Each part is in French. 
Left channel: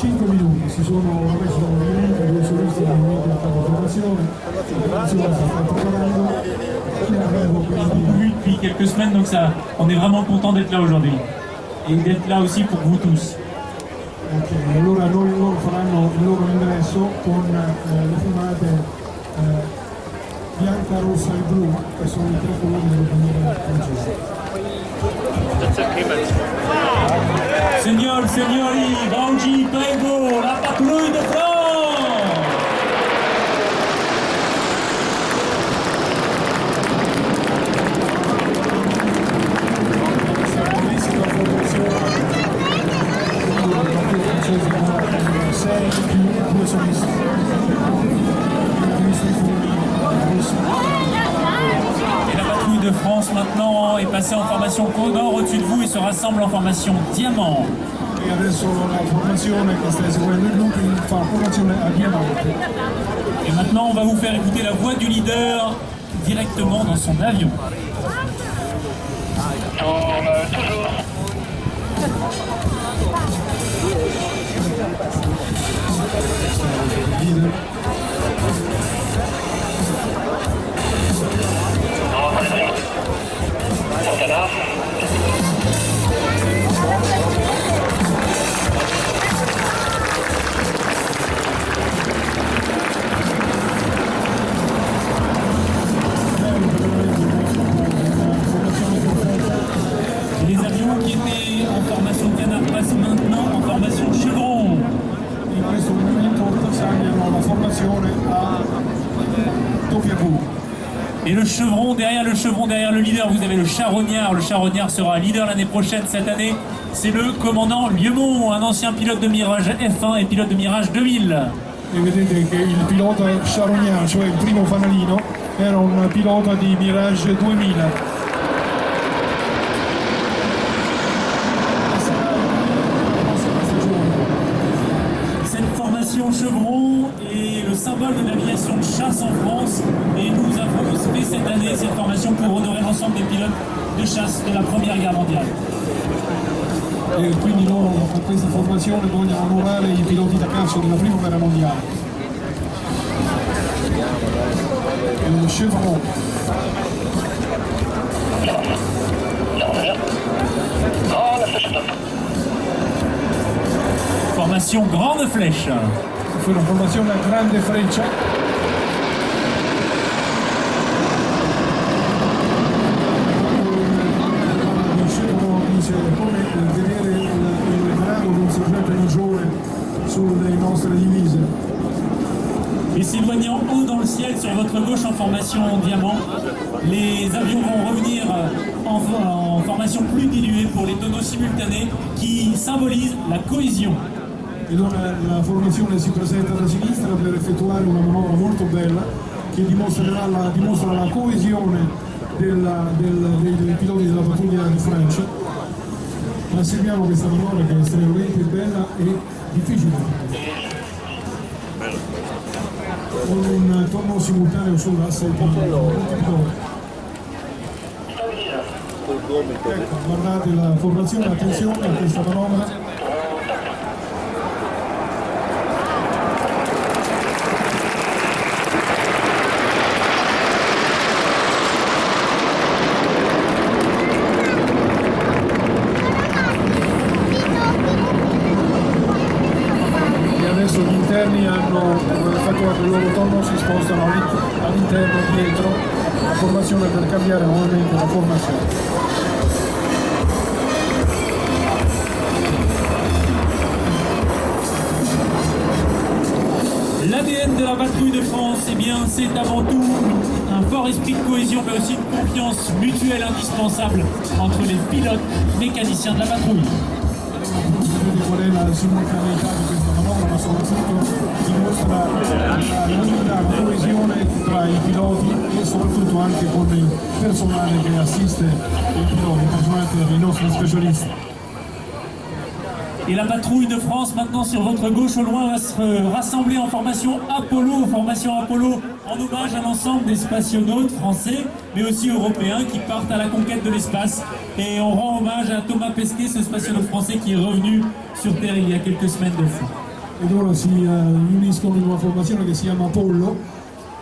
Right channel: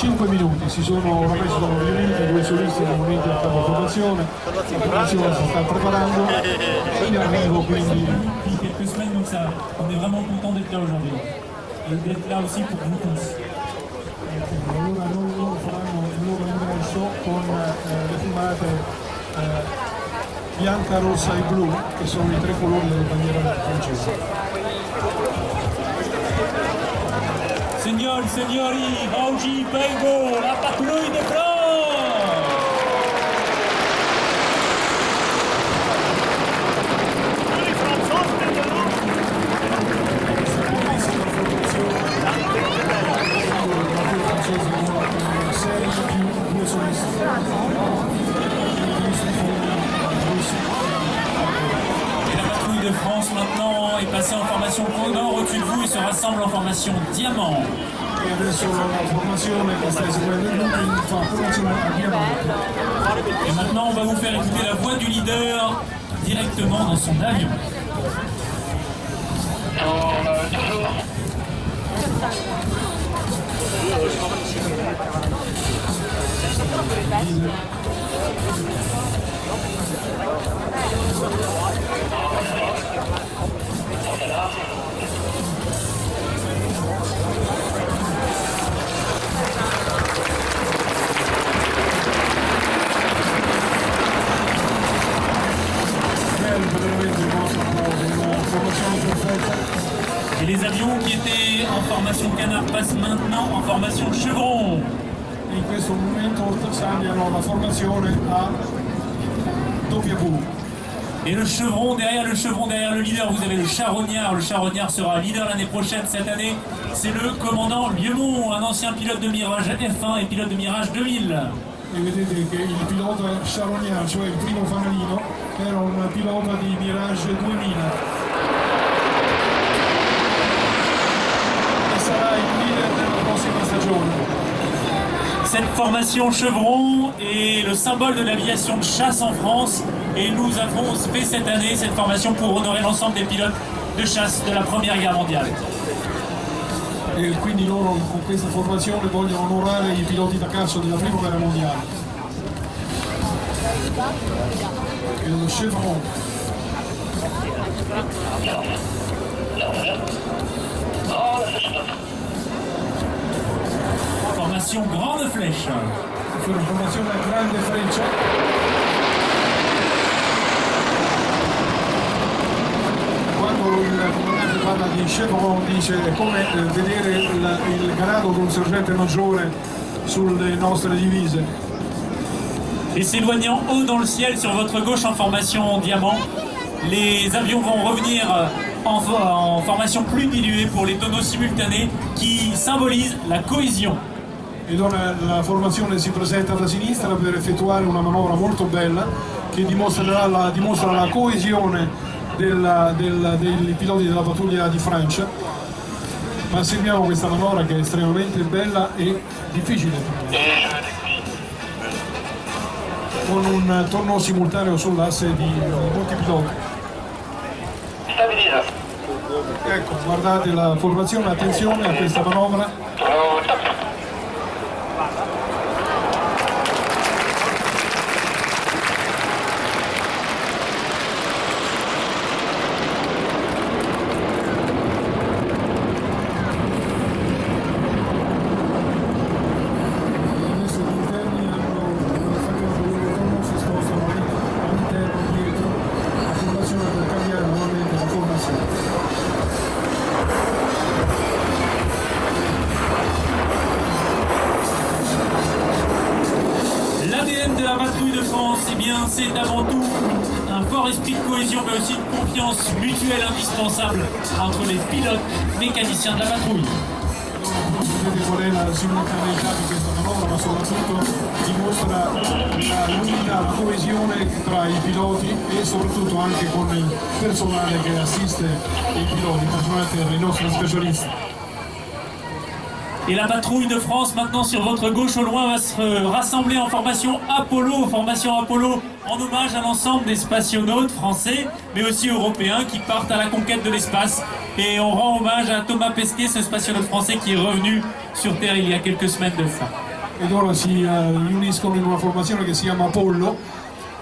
5 minuti, ormai si sono riuniti, due solisti hanno unito la formazione, la formazione si sta preparando, io arrivo quindi depuis quelques semaines, donc ça, on est vraiment content d'être là aujourd'hui et d'être là aussi pour vous tous. Allora loro faranno il loro ingresso con le fumate bianca, rossa e blu, che sono i tre colori della bandiera francese. Signor, signori, oggi prego la patrouille de France! Et la patrouille de France maintenant est passée en formation Condor au-dessus de vous et se rassemble en formation Diamant. E adesso la formazione che sta eseguendo il gruppo fa formazione a diamante. Et maintenant on va vous faire écouter la voix du leader directement dans son avion. Toujours. Et les avions qui étaient en formation Canard passent maintenant en formation Chevron. In questo momento cambiano la formazione a W. Et le chevron derrière le leader, vous avez le charognard. Le charognard sera leader l'année prochaine, cette année. C'est le commandant Liemont, un ancien pilote de Mirage F1 et pilote de Mirage 2000. E vedete che il pilota charognard, cioè il primo fanalino, era un pilota di Mirage 2000. Cette formation Chevron est le symbole de l'aviation de chasse en France et nous avons fait cette année cette formation pour honorer l'ensemble des pilotes de chasse de la Première Guerre mondiale. E quindi loro con questa formazione vogliono onorare i piloti da caccia della Prima Guerra Mondiale. Il Chevron. Formation Grande Flèche. Fu una formazione a grande freccia. Quando il parla di Chevron dice è come vedere il grado di un sergente maggiore sulle nostre divise. Et s'éloignant haut dans le ciel sur votre gauche en formation Diamant, les avions vont revenir en formation plus diluée pour les tonneaux simultanés qui symbolisent la cohésion. Ed ora la formazione si presenta da sinistra per effettuare una manovra molto bella che dimostra la coesione dei piloti della pattuglia di Francia. Ma seguiamo questa manovra che è estremamente bella e difficile, con un tonno simultaneo sull'asse di molti piloti. Ecco, guardate la formazione, attenzione a questa manovra. Hanno effettuato il loro tonno, si spostano all'interno dietro la formazione per cambiare nuovamente la formazione. L'ADN de la patrouille de France, eh bien, c'est avant tout un fort esprit de cohésion, mais aussi une confiance mutuelle indispensable entre les pilotes mécaniciens de la patrouille. Vedete qual è la simultaneità di questa manovra, ma soprattutto dimostra l'unità, la coesione tra i piloti e soprattutto anche con il personale che assiste i piloti, il personale dei nostri specialisti. Et la patrouille de France, maintenant sur votre gauche au loin, va se rassembler en formation Apollo en hommage à l'ensemble des spationautes français, mais aussi européens qui partent à la conquête de l'espace. Et on rend hommage à Thomas Pesquet, ce spationaute français qui est revenu sur Terre il y a quelques semaines de ça. ed ora si riuniscono in una formazione che si chiama Apollo,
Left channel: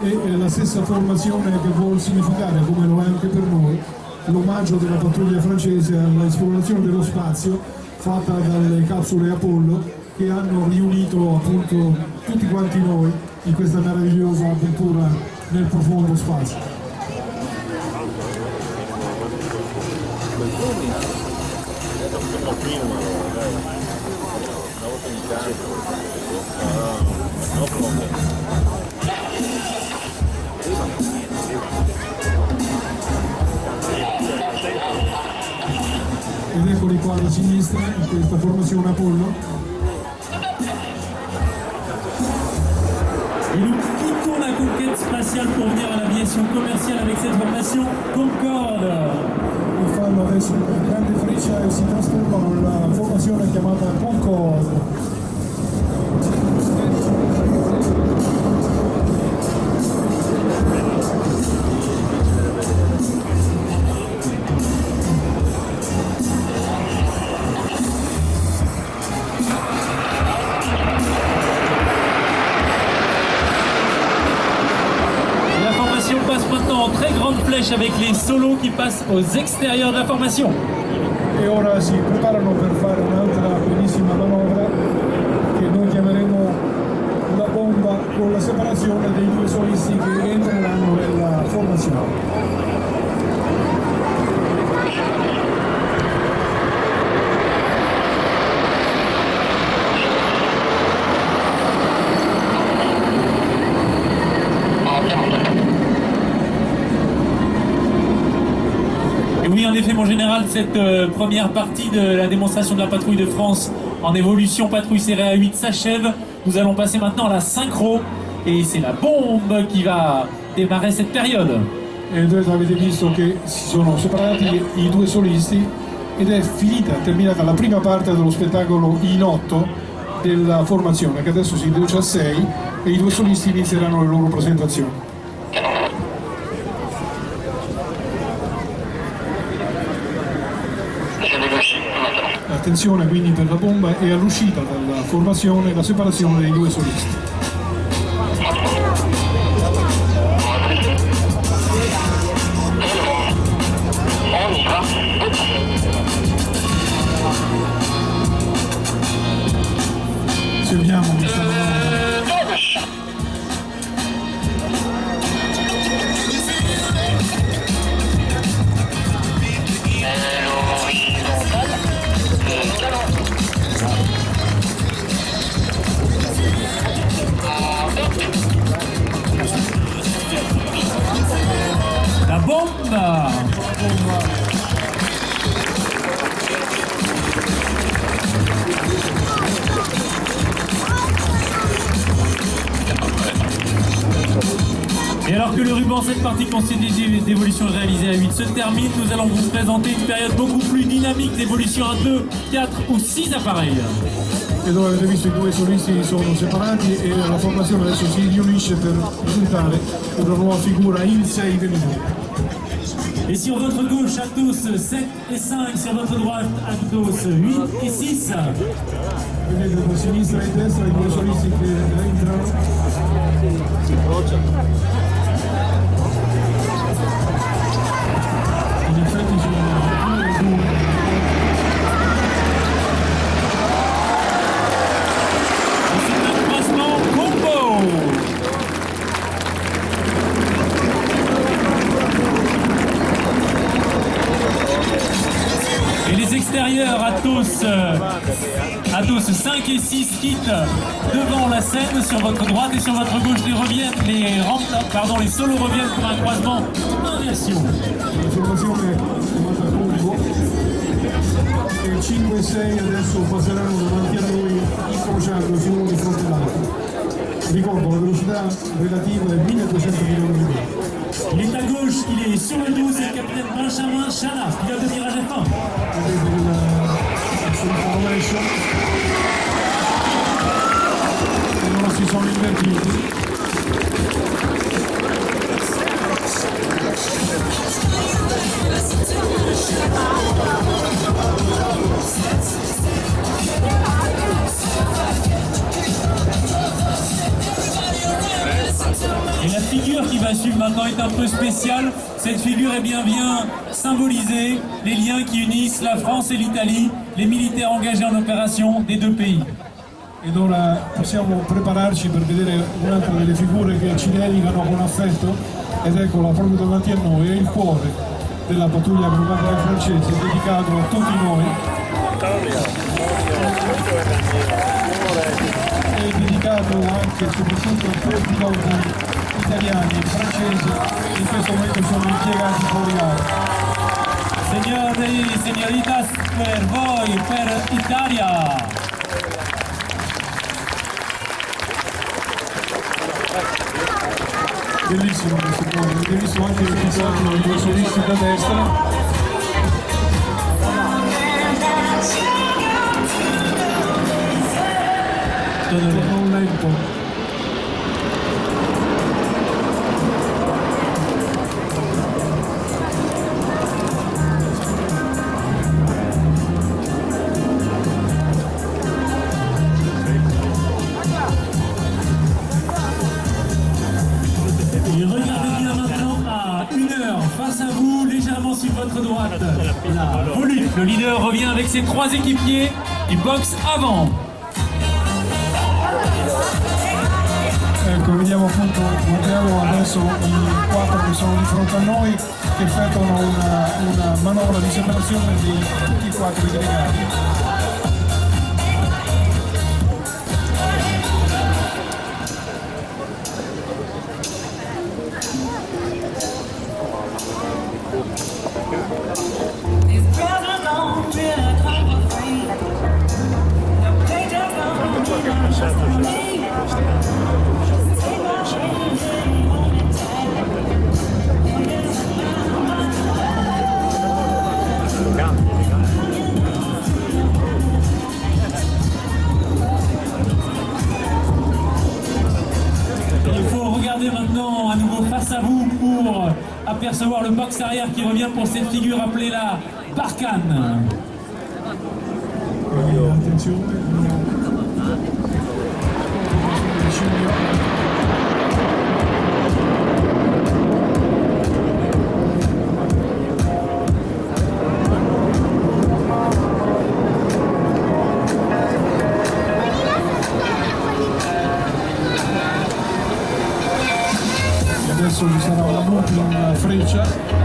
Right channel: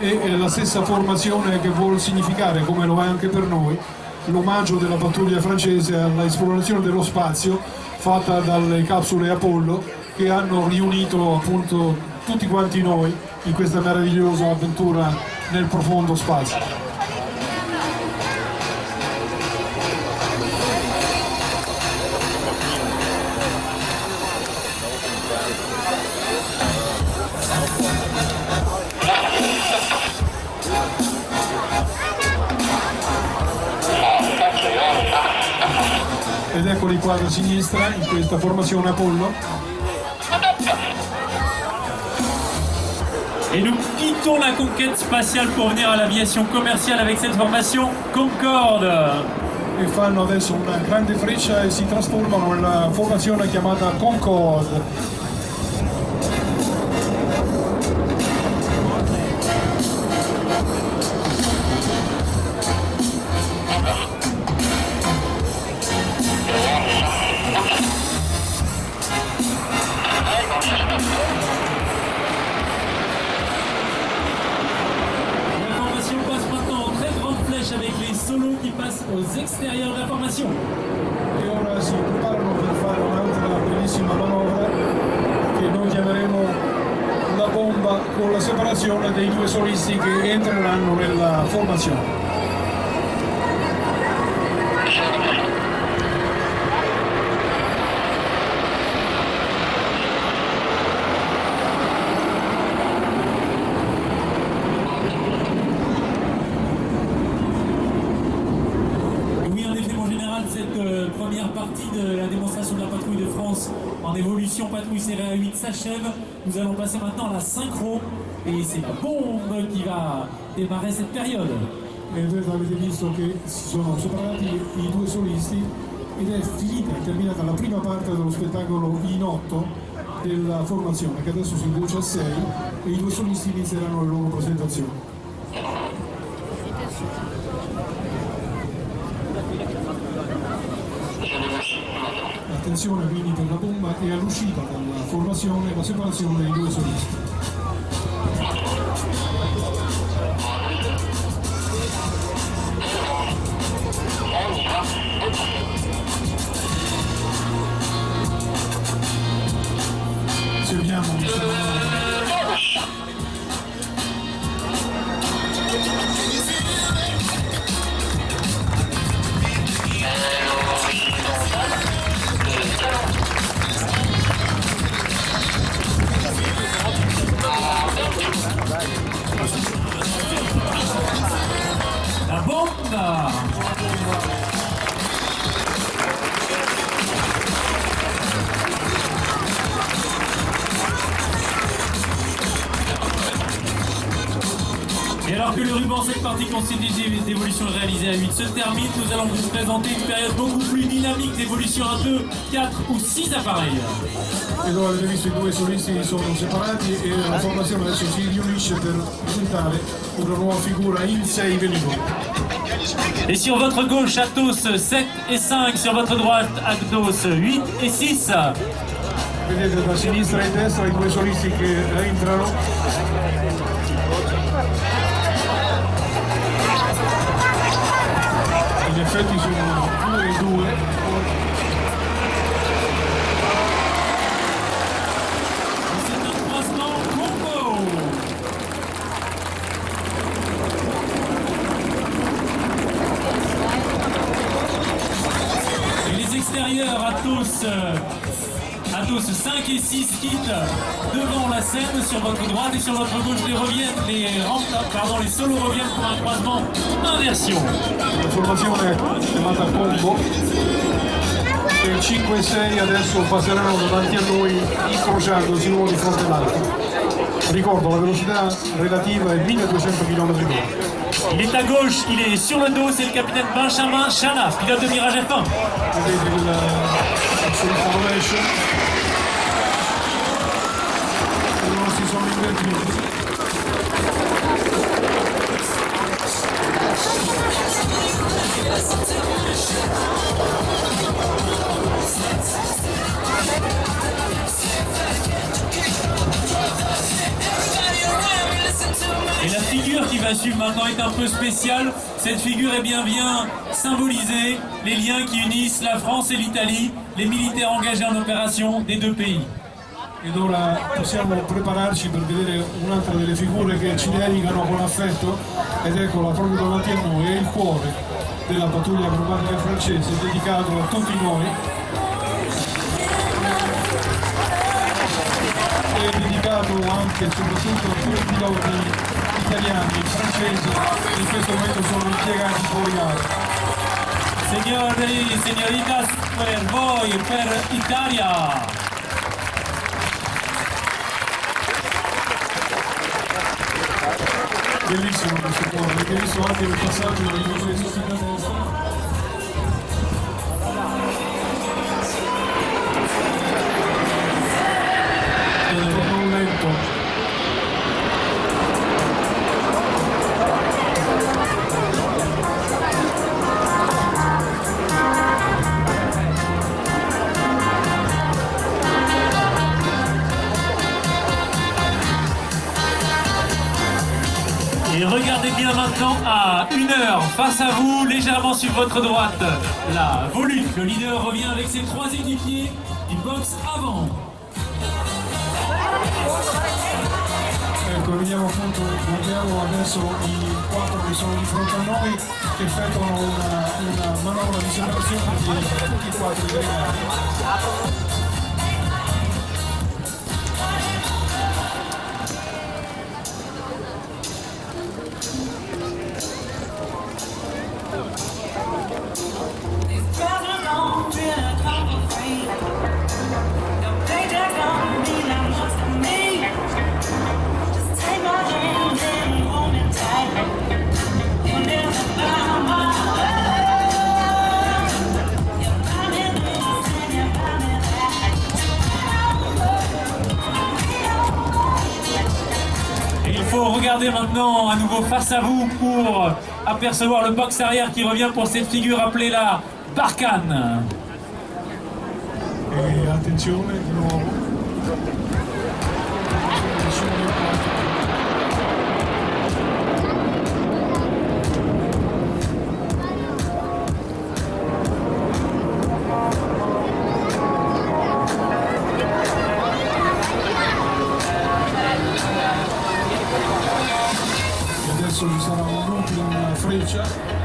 e è la stessa formazione che vuol significare, come lo è anche per noi, l'omaggio della pattuglia francese all'esplorazione dello spazio fatta dalle capsule Apollo, che hanno riunito appunto tutti quanti noi in questa meravigliosa avventura nel profondo spazio. Ed eccoli qua da sinistra in questa formazione Apollo. Et nous quittons la conquête spatiale pour venir à l'aviation commerciale avec cette formation Concorde. E fanno adesso una grande freccia e si trasformano nella formazione chiamata Concorde. Avec les solos qui passent aux extérieurs de la formation. E ora si preparano per fare un'altra bellissima manovra che noi chiameremo la bomba, con la separazione dei due solisti che entreranno nella formazione. En général, cette première partie de la démonstration de la patrouille de France en évolution patrouille serrée à 8 s'achève. Nous allons passer maintenant à la synchro et c'est la bombe qui va démarrer cette période. E voi avete visto che si sono separati i due solisti ed è terminata la prima parte dello spettacolo in 8 della formazione, che adesso si riduce a 6 e i due solisti inizieranno le loro presentazioni. Attenzione quindi per la bomba e all'uscita dalla formazione la separazione dei due solisti. Osserviamo questa manovra. La bomba! Et alors que le ruban, cette partie constituée d'évolution réalisée à 8 se termine, nous allons vous présenter une période beaucoup plus dynamique d'évolution à 2, 4 ou 6 appareils. E dove avete visto i due solisti sono separati e la formazione adesso si riunisce per presentare una nuova figura in 6 velivoli. Et sur votre gauche, Atos 7 et 5, sur votre droite, Atos 8 et 6. Vedete da sinistra e destra i due solisti che entrano. In effetti sono 2 e 2. Extérieur, Atos 5 et 6 quittent devant la scène sur votre droite et sur votre gauche les solos reviennent pour un croisement inversion. La formazione chiamata Combo e 5 e 6 adesso passeranno davanti a noi incrociandosi uno di fronte all'altro. Ricordo, la velocità relativa è 1200 km/h. Il est à gauche, il est sur le dos, c'est le capitaine Benjamin Chana, pilote de Mirage F1. Vedete il formation. E loro si sono invertiti. figure qui va suivre maintenant est un peu spéciale. Cette figure vient symboliser les liens qui unissent la France et l'Italie, les militaires engagés en opération des deux pays. Ed ora possiamo prepararci per vedere un'altra delle figure che ci dedicano con affetto, ed eccola proprio davanti a noi, è il cuore della pattuglia acrobatica francese, dedicato a tutti noi, e dedicato anche e soprattutto a tutti i piloti italiani e francesi che in questo momento sono impiegati fuori gara. Signori, signoritas, per voi, per Italia! Bellissimo questo cuore, avete visto anche il passaggio dei professionisti da destra. Non lento. Et regardez bien maintenant à 1 heure face à vous, légèrement sur votre droite, la Volute. Le leader revient avec ses 3 équipiers du box avant. Ecco, vediamo appunto, guardiamo adesso i 4 che sono di fronte a noi, che effettuano una manovra di separazione di tutti i 4 aggregati. Regardez maintenant à nouveau face à vous pour apercevoir le box arrière qui revient pour cette figure appelée la Barkhane. E attenzione di nuovo. Adesso ci sarà una multa in freccia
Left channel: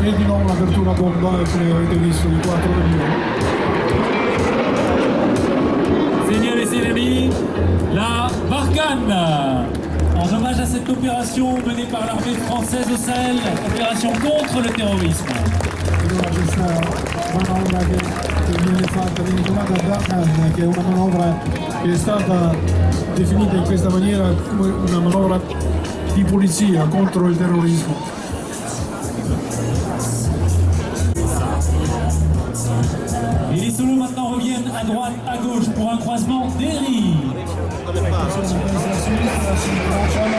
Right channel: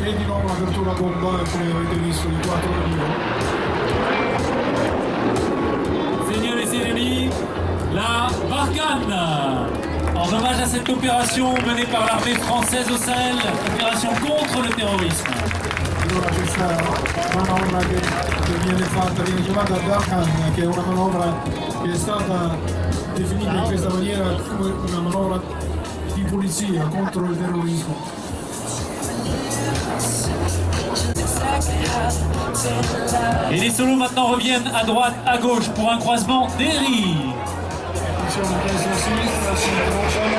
e di nuovo l'apertura bomba, come avete visto, di 4 milioni. Signore et signori, la Barkhane. En hommage à cette opération menée par l'armée française au Sahel, opération contre le terrorisme. Allora questa manovra che viene fatta, viene chiamata Barkhane, che è una manovra che è stata definita in questa maniera come una manovra di polizia contro il terrorismo. Et les solos maintenant reviennent à droite, à gauche pour un croisement d'Eri. Attenzione, destra a sinistra, si incrociano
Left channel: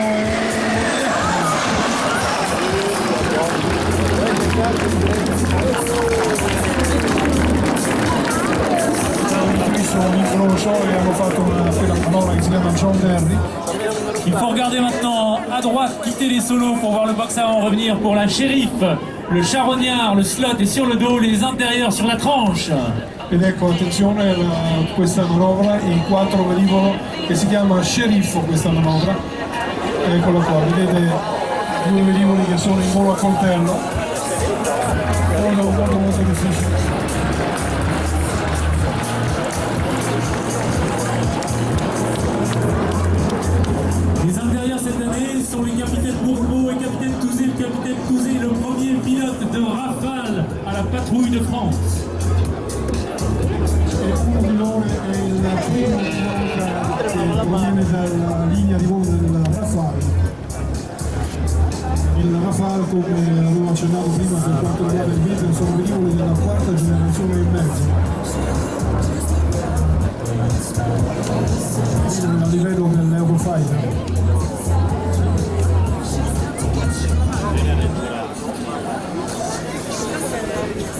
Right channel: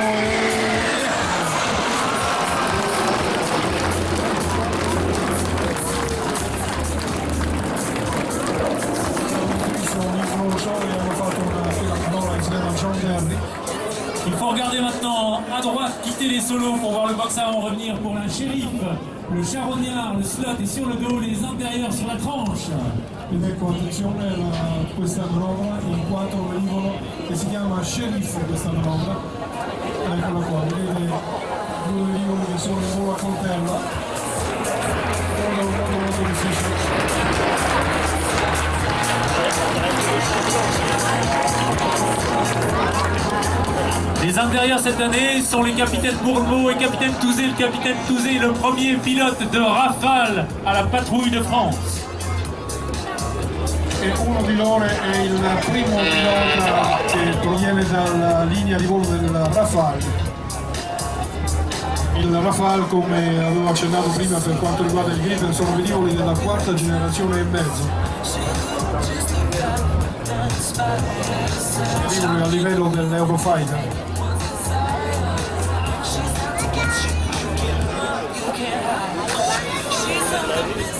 un incrocio e hanno fatto una manovra che si chiama John Derry. Il faut regarder maintenant à droite, quitter les solos pour voir le box avant revenir pour la Shérif. Le charognard, le slot est sur le dos, les intérieurs sur la tranche. Ed ecco, attenzione, questa manovra, in 4 velivolo, che si chiama Sceriffo questa manovra. Eccola qua, vedete 2 velivoli che sono in volo a coltello. Molto difficile. Les intérieurs cette année sont les capitaines Bourbeau et capitaine Touzé. Le capitaine Touzé est le premier pilote de Rafale à la patrouille de France. E uno di loro è il primo pilota che proviene dalla linea di volo del Rafale. Il Rafale, come avevo accennato prima per quanto riguarda il Gripen, sono velivoli della 4ª generazione e mezzo. Velivoli a livello dell'Eurofighter.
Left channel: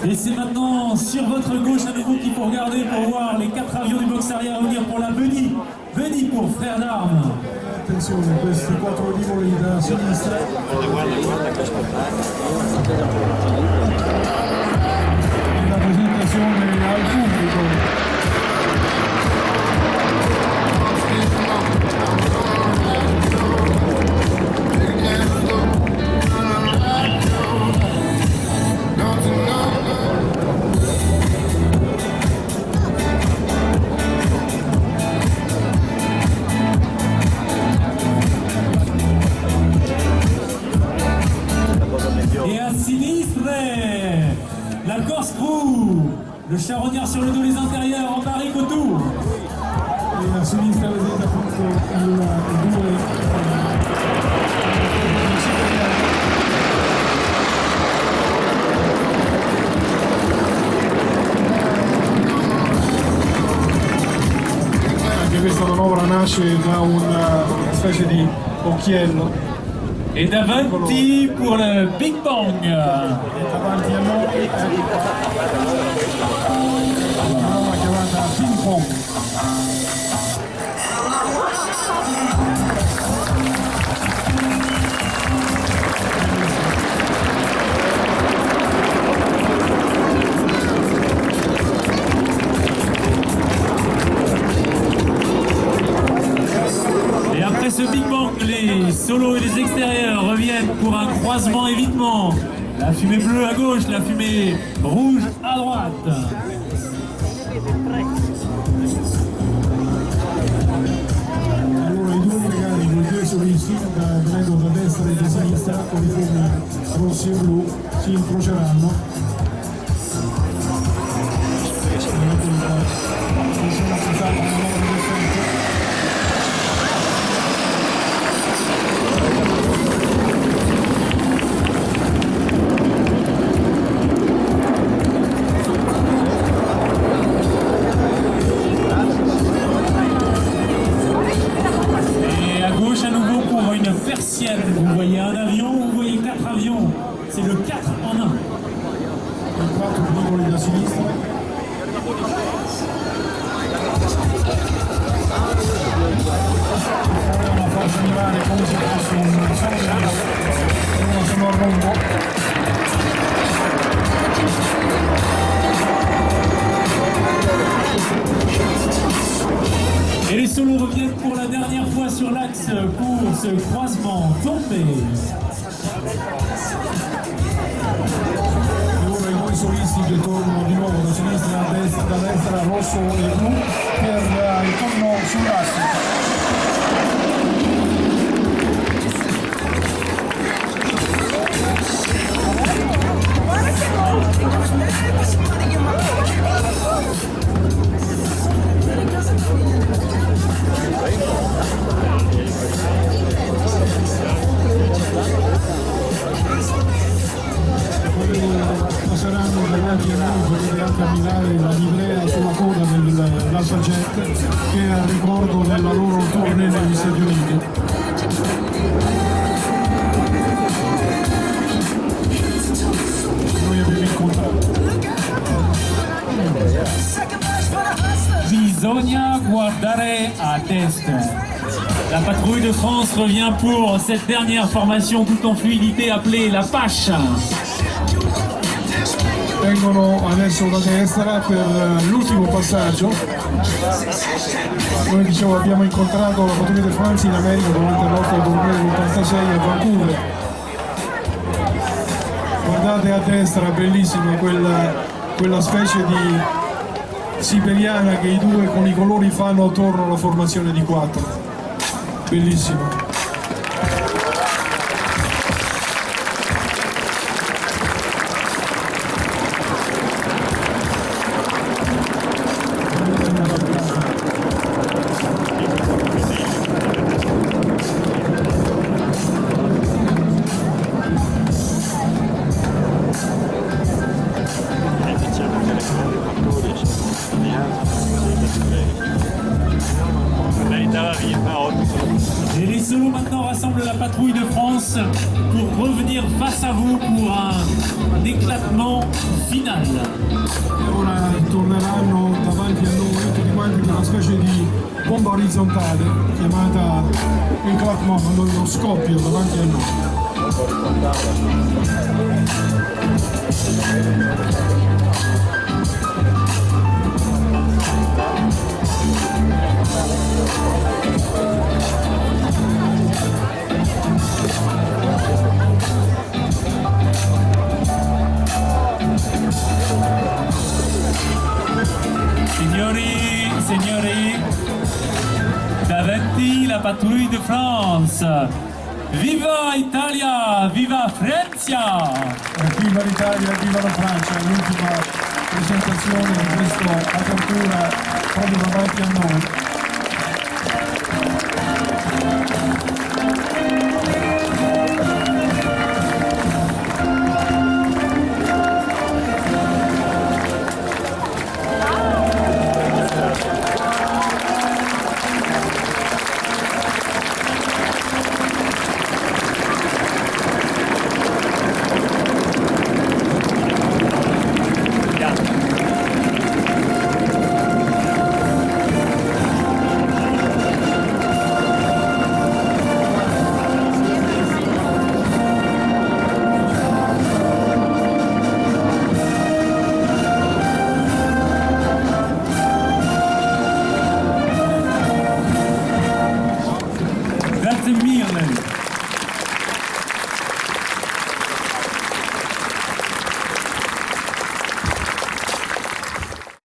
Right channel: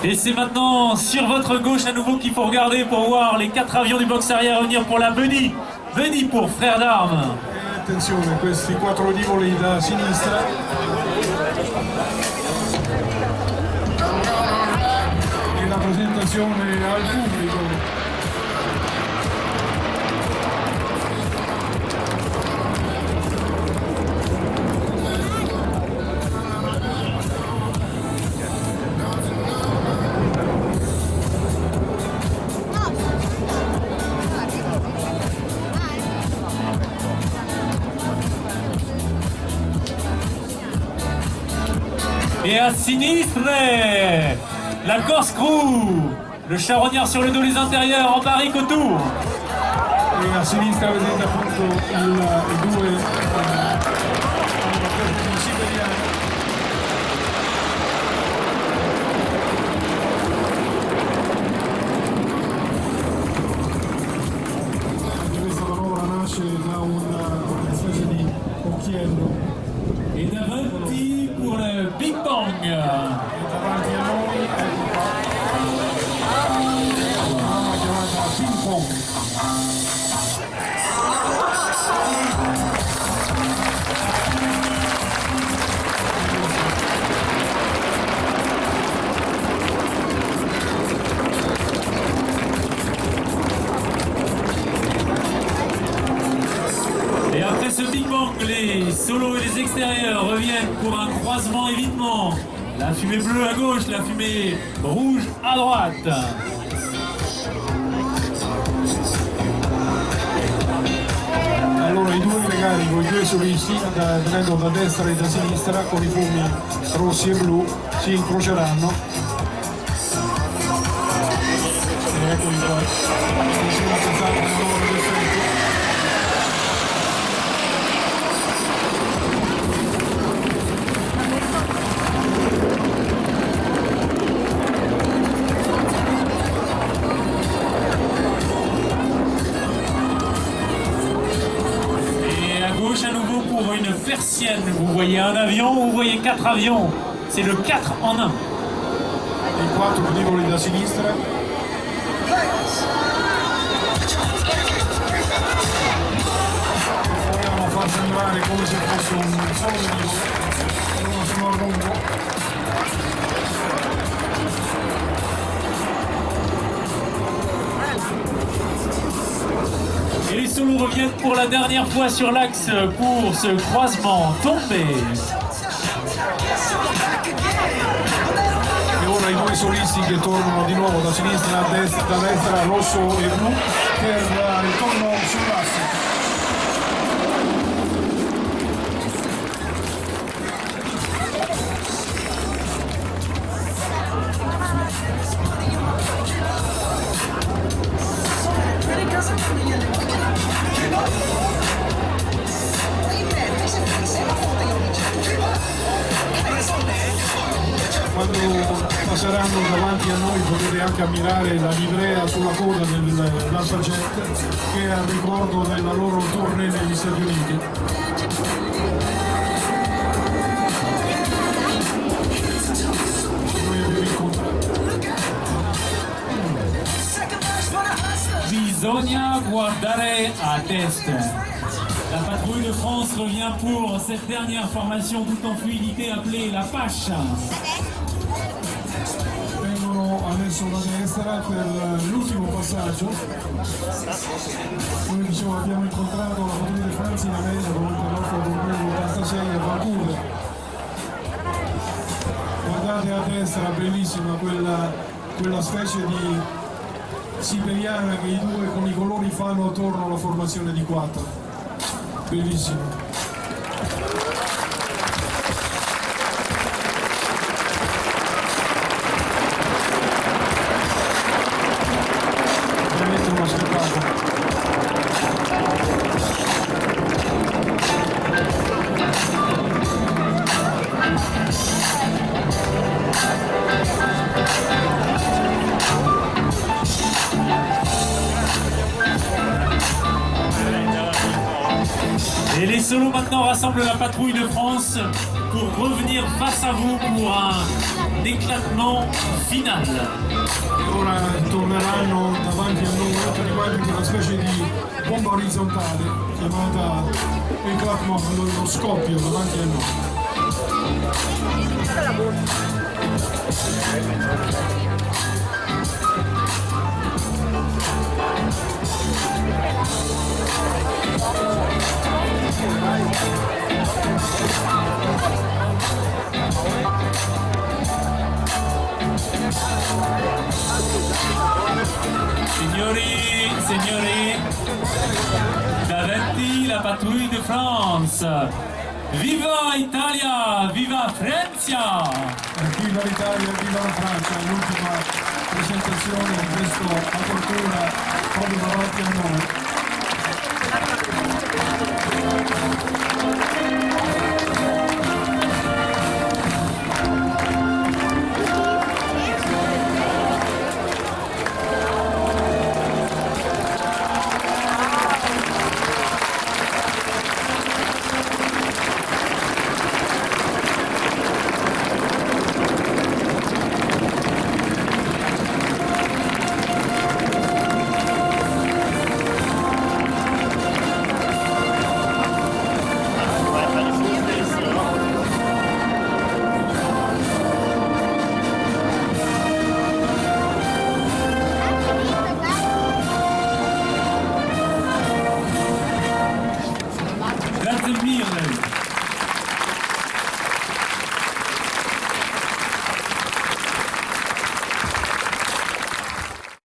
Et c'est maintenant sur votre gauche à nouveau qu'il faut regarder pour voir les 4 avions du box arrière revenir pour la Bunny. Bunny pour Frères d'Armes. Attenzione, questi 4 rivoli da sinistra. E la presentazione al pubblico. Et à sinistre, la Corse Crew, le charognard sur le dos, les intérieurs en barrique autour. E a sinistra vedete appunto i due siberiani. Anche questa manovra nasce da una specie di occhiello. Et davanti pour le Big Bang. E davanti a noi, ecco qua, una manovra chiamata ping pong. Et après ce Big Bang, les solos et les extérieurs reviennent pour un croisement évitement. La fumée bleue à gauche, la fumée rouge à droite. Allora i due legati con i due solisti, venendo da destra e da sinistra, con i fumi rossi e blu, si incroceranno. E eccoli qua, si è rappresentata una manovra d'effetto. À nouveau pour une persienne, vous voyez un avion, vous voyez 4 avions, c'est le 4 en 1. I 4 rivoli da sinistra. Vogliamo far sembrare come se fosse un solo velivolo, uno sono a rombo. Et les solos reviennent pour la dernière fois sur l'axe pour ce croisement tombé. E ora i due solisti che tornano di nuovo da sinistra a destra, da destra rosso e blu per il torno sull'asse. Passeranno davanti a noi, potete anche ammirare la livrea sulla coda dell'Alphajet che è a ricordo della loro tournée negli Stati Uniti. Noi abbiamo incontrato. Bisogna guardare a test. La patrouille de France revient pour cette dernière formation tout en fluidité appelée la Pache. Vengono adesso da destra per l'ultimo passaggio. Noi dicevo abbiamo incontrato la Patrouille de France in America durante la nostra tournée dell'86 a Vancouver. Guardate a destra, bellissima quella specie di siberiana che i due con i colori fanno attorno alla formazione di 4. Bellissimo. Solo maintenant rassemble la patrouille de France pour revenir face à vous pour un éclatement final. E ora torneranno davanti a noi tutti quanti con una specie di bomba orizzontale chiamata éclatement, lo scoppio davanti a noi. Signori, davanti la patrouille de France. Viva Italia, viva Francia! Viva l'Italia, viva la Francia, l'ultima presentazione di questa apertura proprio davanti a noi. Grazie mille.